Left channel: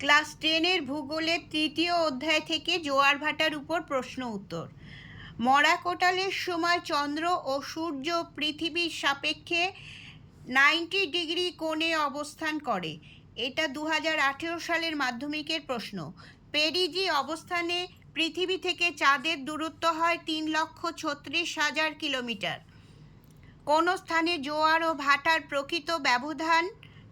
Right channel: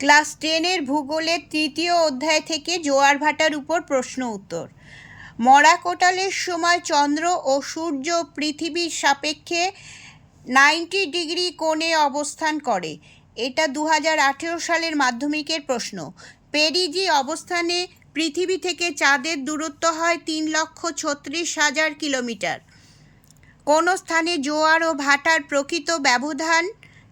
Class টেনের ভূগোলের তৃতীয় অধ্যায় থেকে জোয়ার ভাটার উপর প্রশ্ন উত্তর। মরা কোটালের সময় চন্দ্র ও সূর্য পৃথিবীর সাপেক্ষে নাইনটি ডিগ্রি কোণে অবস্থান করে। এটা দু হাজার আঠেরো সালের মাধ্যমিকের প্রশ্ন। পেরিজি অবস্থানে পৃথিবী থেকে চাঁদের দূরত্ব হয় তিন লক্ষ ছত্রিশ হাজার কিলোমিটার। কোনো স্থানে জোয়ার ও ভাটার প্রকৃত ব্যবধান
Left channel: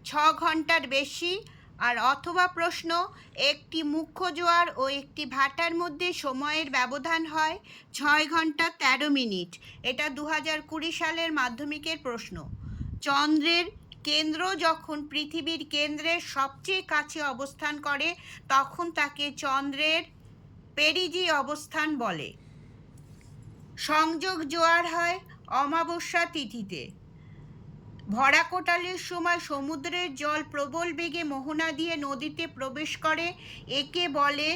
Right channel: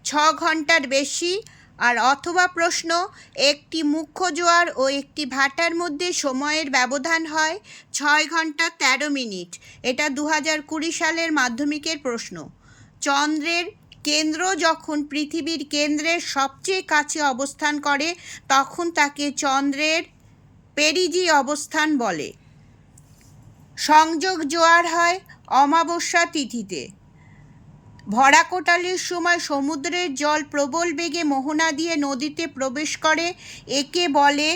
ছ ঘণ্টার বেশি। আর অথবা প্রশ্ন, একটি মুখ্য জোয়ার ও একটি ভাটার মধ্যে সময়ের ব্যবধান হয় ছয় ঘণ্টা তেরো মিনিট। এটা দু হাজার কুড়ি সালের মাধ্যমিকের প্রশ্ন। চন্দ্রের কেন্দ্র যখন পৃথিবীর কেন্দ্রের সবচেয়ে কাছে অবস্থান করে, তখন তাকে চন্দ্রের পেরিজি অবস্থান বলে। সংযোগ জোয়ার হয় অমাবস্যা তিথিতে। ভরা কোটালের সময় সমুদ্রের জল প্রবল বেগে মোহনা দিয়ে নদীতে প্রবেশ করে, একে বলে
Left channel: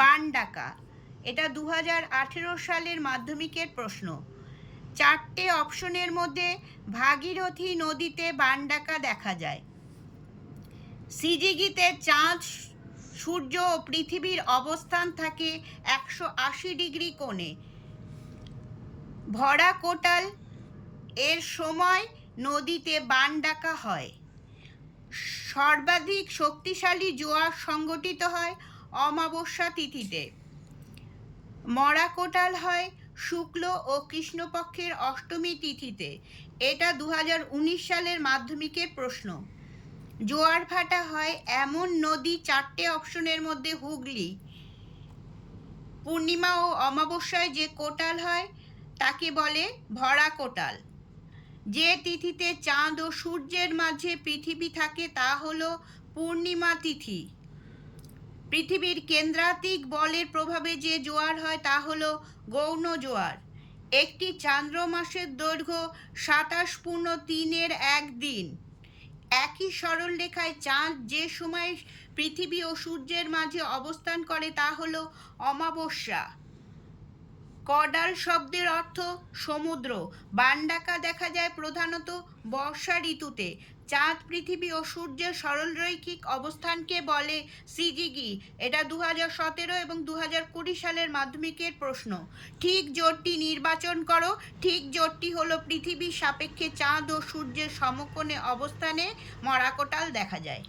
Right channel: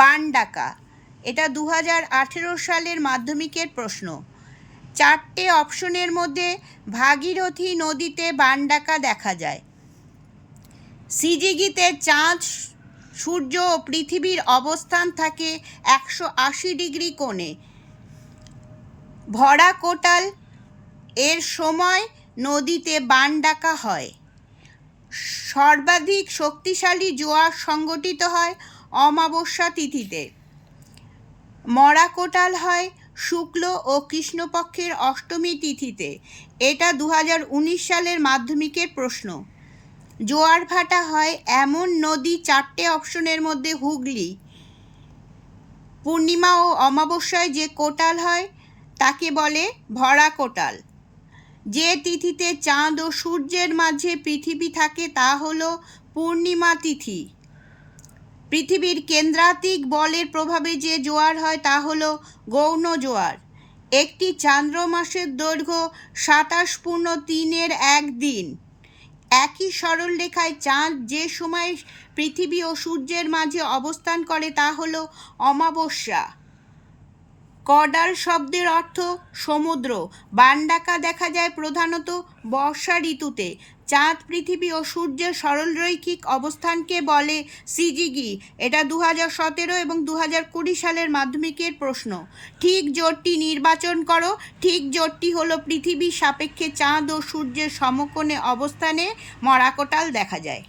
বান ডাকা এটা দু হাজার আঠেরো সালের মাধ্যমিকের প্রশ্ন। চারটে অপশনের মধ্যে ভাগীরথী নদীতে বান ডাকা দেখা যায়। সিজিগিতে চাঁদ, সূর্য ও পৃথিবীর অবস্থান থাকে একশো আশি ডিগ্রি কোণে। ভরা কোটাল এর সময় নদীতে বান ডাকা হয়। সর্বাধিক শক্তিশালী জোয়ার সংগঠিত হয় অমাবস্যা তিথিতে। মরা কোটাল হয় শুক্ল ও কৃষ্ণপক্ষের অষ্টমী তিথিতে। এটা দু হাজার উনিশ সালের মাধ্যমিকের প্রশ্ন। জোয়ার ভাটা হয় এমন নদী চারটে অপশনের মধ্যে হুগলি। পূর্ণিমা ও অমাবস্যায় যে কোটাল হয়, তাকে বলে ভরা কোটাল যে তিথিতে চাঁদ ও সূর্যের মাঝে পৃথিবী থাকে তা হল পূর্ণিমা তিথি। পৃথিবীর কেন্দ্রাতিক বলের প্রভাবে যে জোয়ার হয় তা হল গৌণ জোয়ার। একটি চান্দ্র মাসের দৈর্ঘ্য সাতাশ পূর্ণ তিনের এক দিন। একই সরল রেখায় চাঁদ যে সময় পৃথিবী ও সূর্যের মাঝে অবস্থান করে তা হল অমাবস্যা। কডাল শব্দের অর্থ সমুদ্র। বানডাকা দেখা যায় প্রধানত বর্ষা ঋতুতে। চাঁদ, পৃথিবী ও সূর্যের সরলরৈখিক অবস্থানকে বলে সিজিগি। এটা দু হাজার সতেরো এবং দু হাজার কুড়ি সালের মাধ্যমিকের প্রশ্ন। ঠিক জোটটি নির্বাচন করো। ঠিক জোটটি হলো পৃথিবীর সাপেক্ষে চাঁদ ও সূর্যের সমকোণে অবস্থানে মরাকোটাল দেখা যায়।